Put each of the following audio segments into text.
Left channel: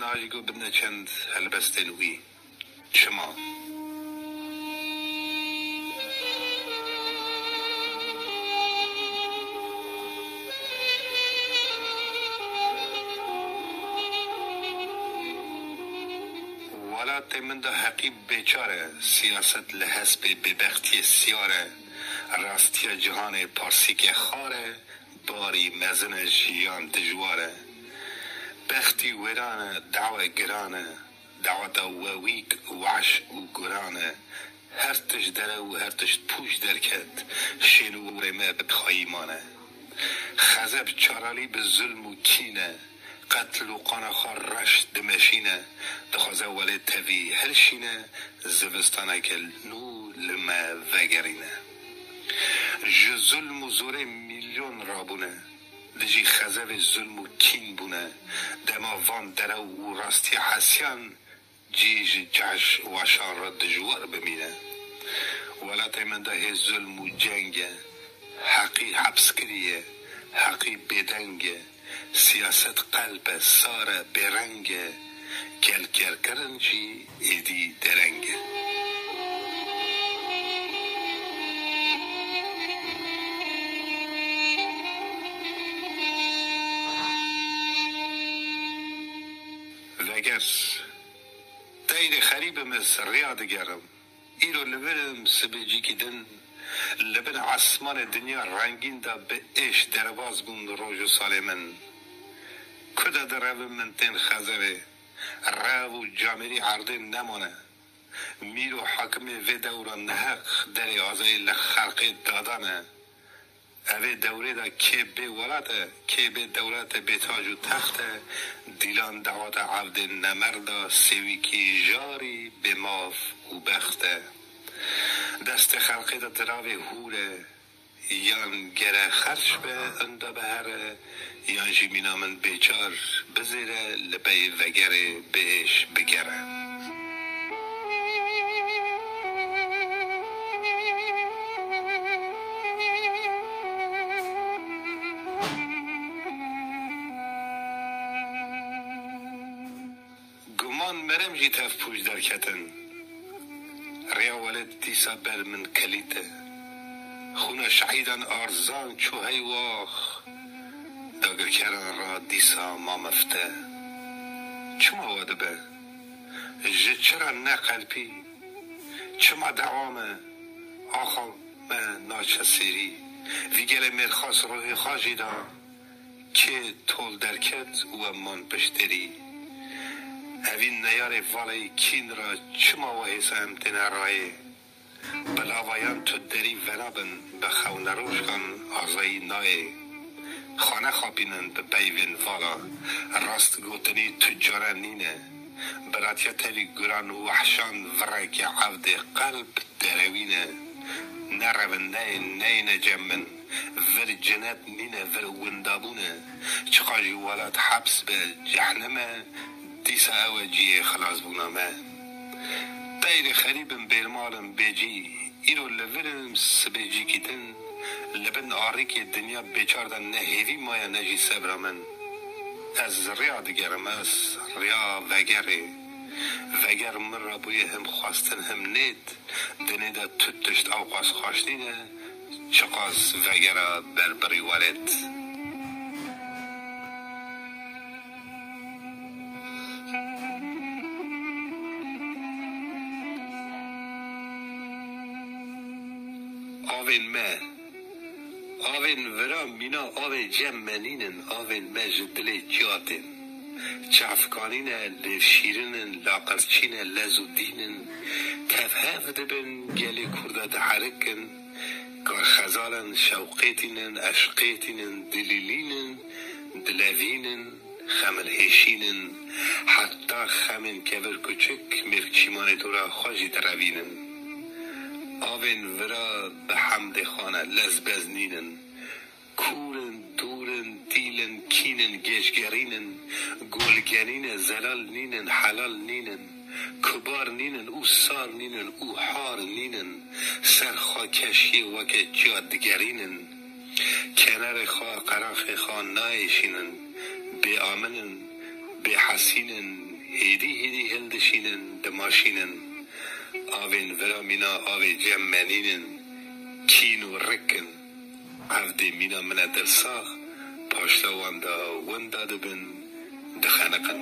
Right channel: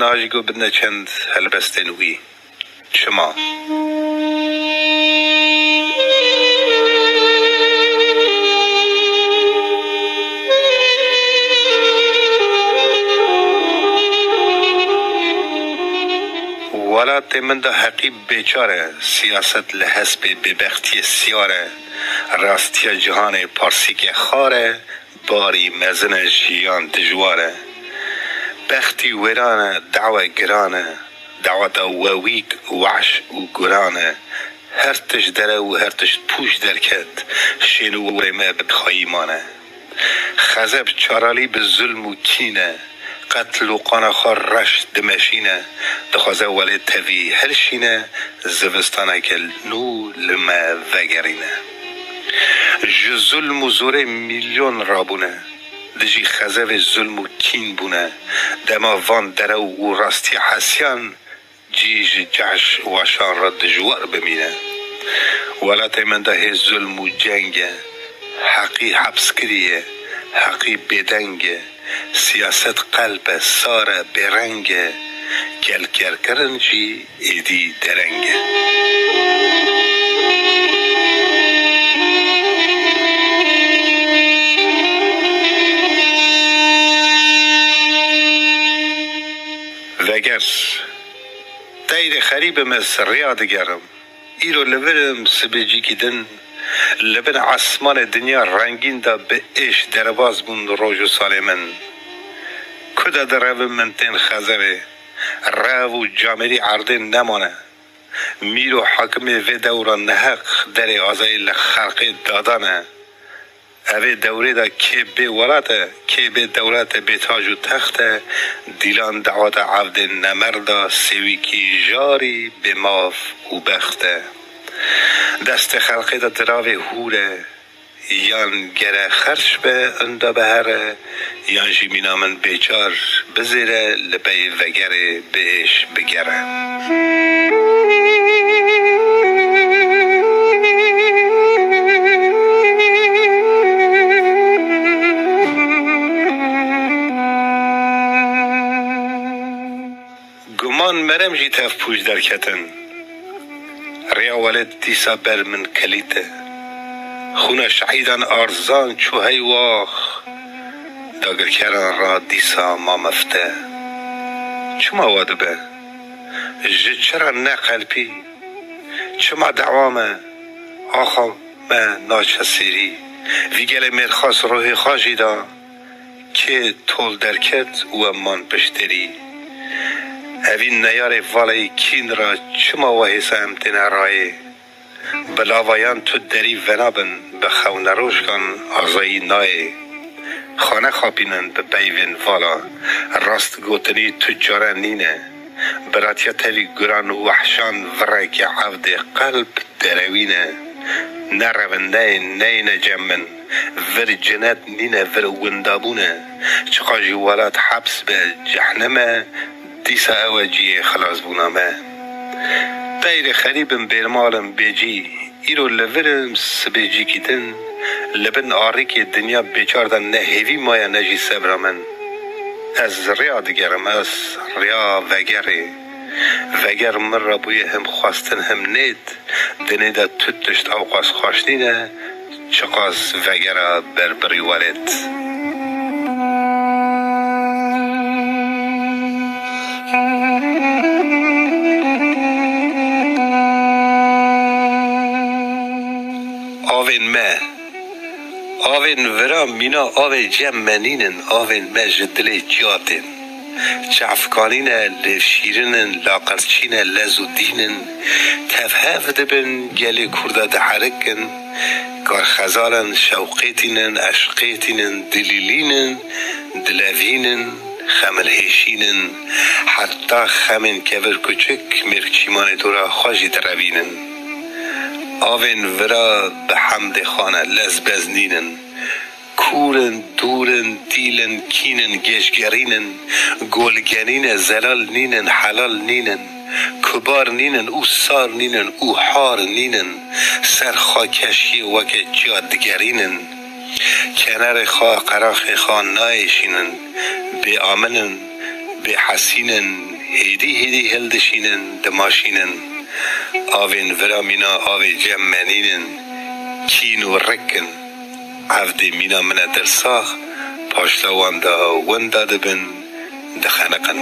ناجگو بدنا چند هلبستنوی شما ولات من ده حقیب بیچاره سیاست لحسب ببختی سیاره راستی جهان پارسی که خاره باری مزن جیان دجواره بختی ویرانه دعوه گرانه دعوت وویک وعش و گرانه هرتش دره و هرتش پوش درکد شنو ورمه بخایمانه خزب چارالی به ظلم و کینه قتل و قانخار رش دمشینه دخوازه ولی توی هلشینه زوستانه که نو لما وگرینه جو ظلم و زوره میلیون رابونه دجی خزب ظلم و کین بونه دما وان دره و راستی حسیان جیج جعش و شان را دجوار بمینه ولات من ده ظلم و جنگه حقی حبس کریه حقی بدنگه سیاست قلب ساره برنگه کل کرنجی ایدی درنگه وگر دایر خریب مصر ریاد گرم ایرو لبرم سبجی کدن لبن عصمان دنیا رنگین دا به ایش درباز بون روز و سال من کدا در رو من تین خزره رو و جامری عرض نمانه میرو حکم و دورا نحق در آزای لخلق دادانه اوه دوره دا که به ولاته که به دولت به تاج و تخته دیلان دعوت عبد نمردا سوی کی جاری به ماف و بخته دست خلقی دا دراوه هوره یان گره خرش به اندا بهره یان جیمینا من بیچار بزیره لبی وگره بهش بگره گمان مرم جی تف پوش در کتن ریا ولد دیسا بر من کلیته خونه شعیدان ارزان چو هی واخ داگر کران را دیسا ما مفته چما واده به جد چرا نه قلبی چما دعوامه آخا ما ناچسیری ویگل مرخاص روح خاجی دا که طول درکت و امان پشتری اوین نیار والی کین را چما وحیسه امتن رای بلاوایان تو دری ونابن به خون روش کن آزایی نای خانه خوابینن به بیوین والا راست گوتنی تجاره نینه براتیا تلی گران وحشان ورک عبد قلب دروینه نرونده نینه جمن ور جنت نینه ور وندابونه چقاجی ولاد حبس به جهنمه دیسا اوجی خلاص بونامه دایر خریبم بیرمالم بیجی ایرو لورم سبیجی کیتن لبن آری که دنیا بیچاردن نه هیوی مایا نجی سبرامن از ریا دگرم از ریا وگر من را بوی هم خواستن هم نید دنی دا تتشت اوقاس خواشنینه چقاس وگر بربری والد آوین ورا مینا آوی جمعنینن آوین مجدل جاتن چفکانینه لفشیرنن لاقرچینه لزودینن تفهف دبن گلی کرده دحرکن کار خزالن شوقیتینن اشقیتینن دلیلینن دلوینن خملهشینن حتی خمن کور کچک مرکچیمان دورا خوشی دروینن آوین ورا به حمد خانه لزبزنینن کورن دورن دیلن کینن گشگرینن گلگنین زلال نینن حلال نینن کبار نینن او سار نینن او حار نینن سر خاکشی وک جادگرینن کنار خواه قراخ خواه نایشینن بی آمنن به حسینن هیدی هلدشینن دماشینن آوین ورا مینا آوی جمعنینن کین و رکن عفدی مینا من درساخ پاشتا وندا دبن دخنقن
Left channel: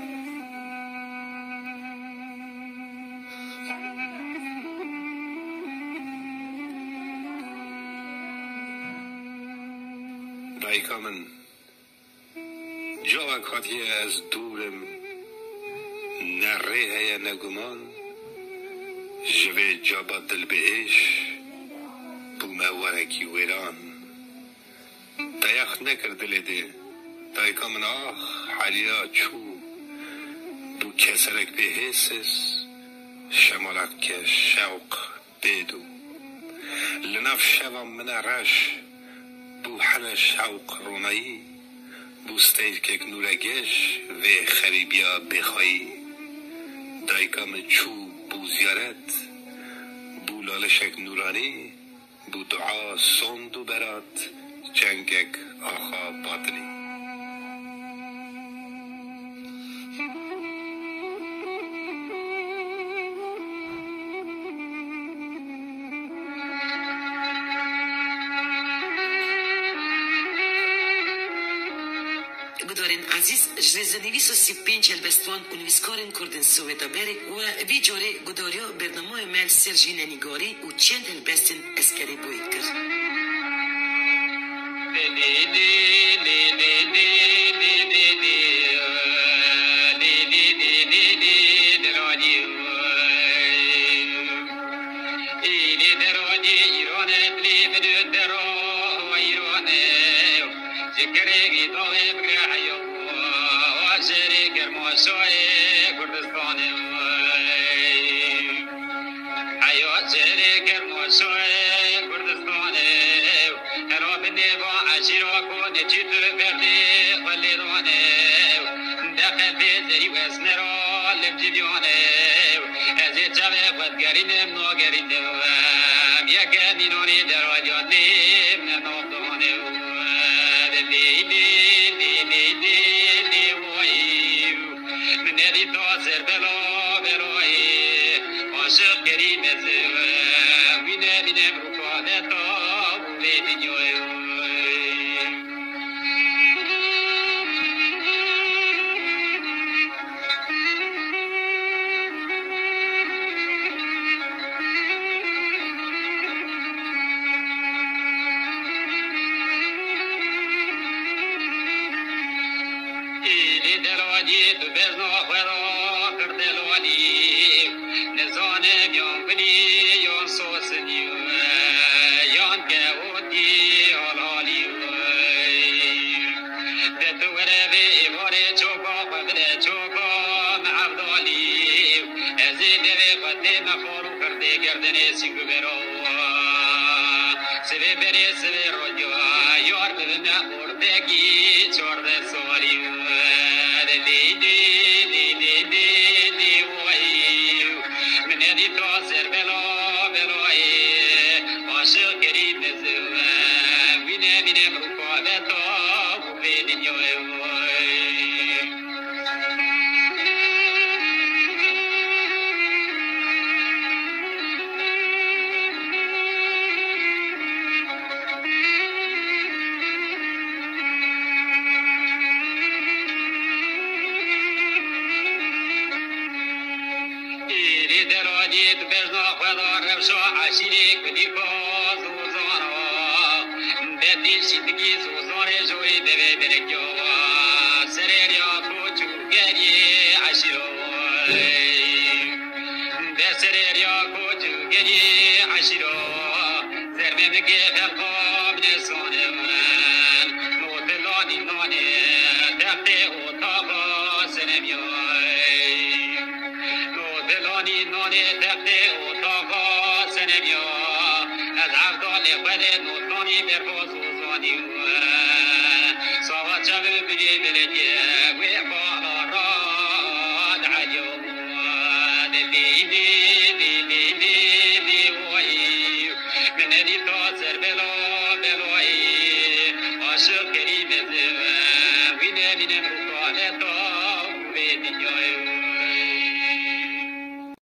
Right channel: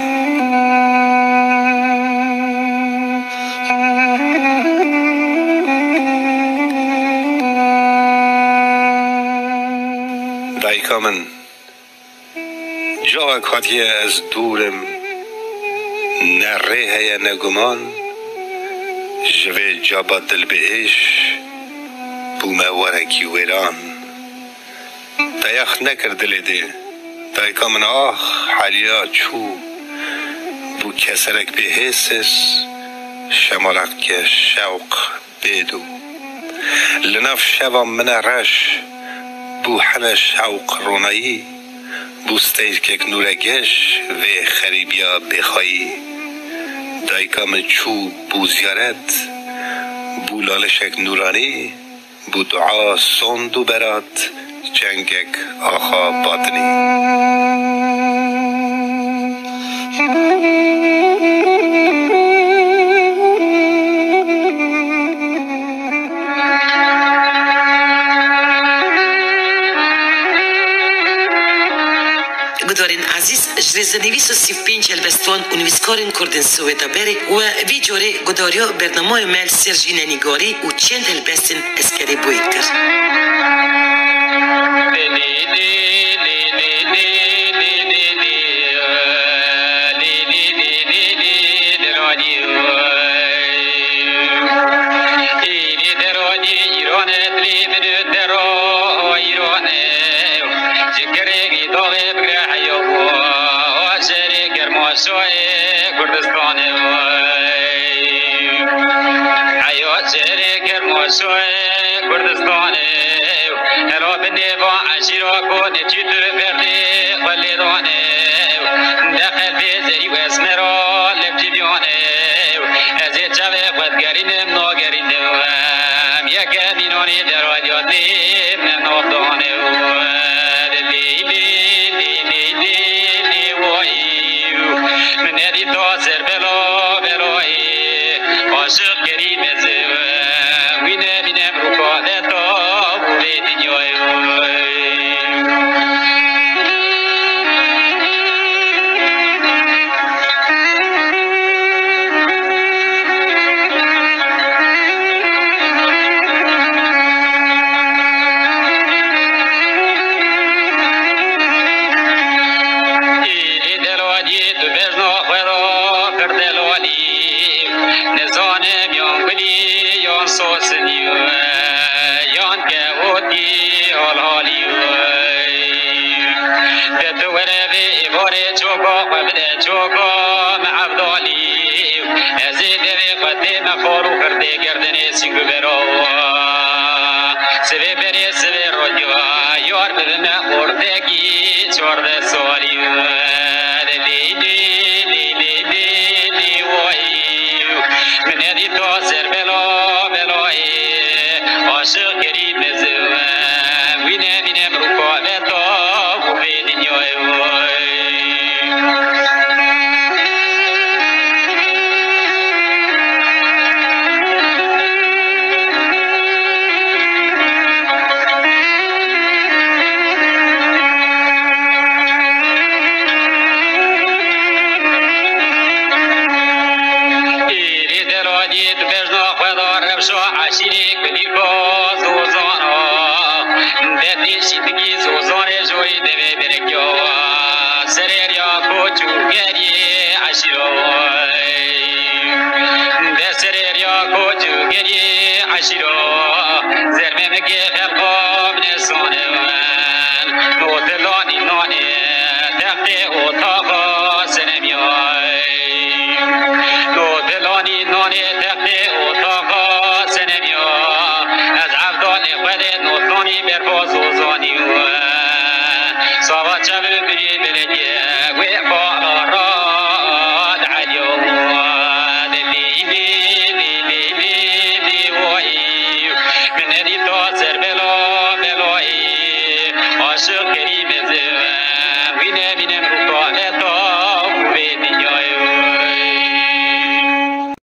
دایکا من جا کاتیه از دورم نره هیا نگمان جوه جابا دل بهش بومه ورکی ویران دایخ نکر دل ده دایکا من آخ حالیا چو بو کسرک به حسس شمالک که شوق بیدو لنف شوا من رش بو حن شوق رونایی بو ستیج که نورگش و خریبیا بخوایی دایکا من چو بو زیارت بو لالشک نورانی بو دعا سندو برات جنگک آخا باطنی گدارین عزیز جرزنویس و 35 البستوان و نویسکارین کردن سویتا بری و وی جوری گداریا برنامه مل سرجین نگاری و چند البستین اسکری بوی کرد. عشیره کدی کو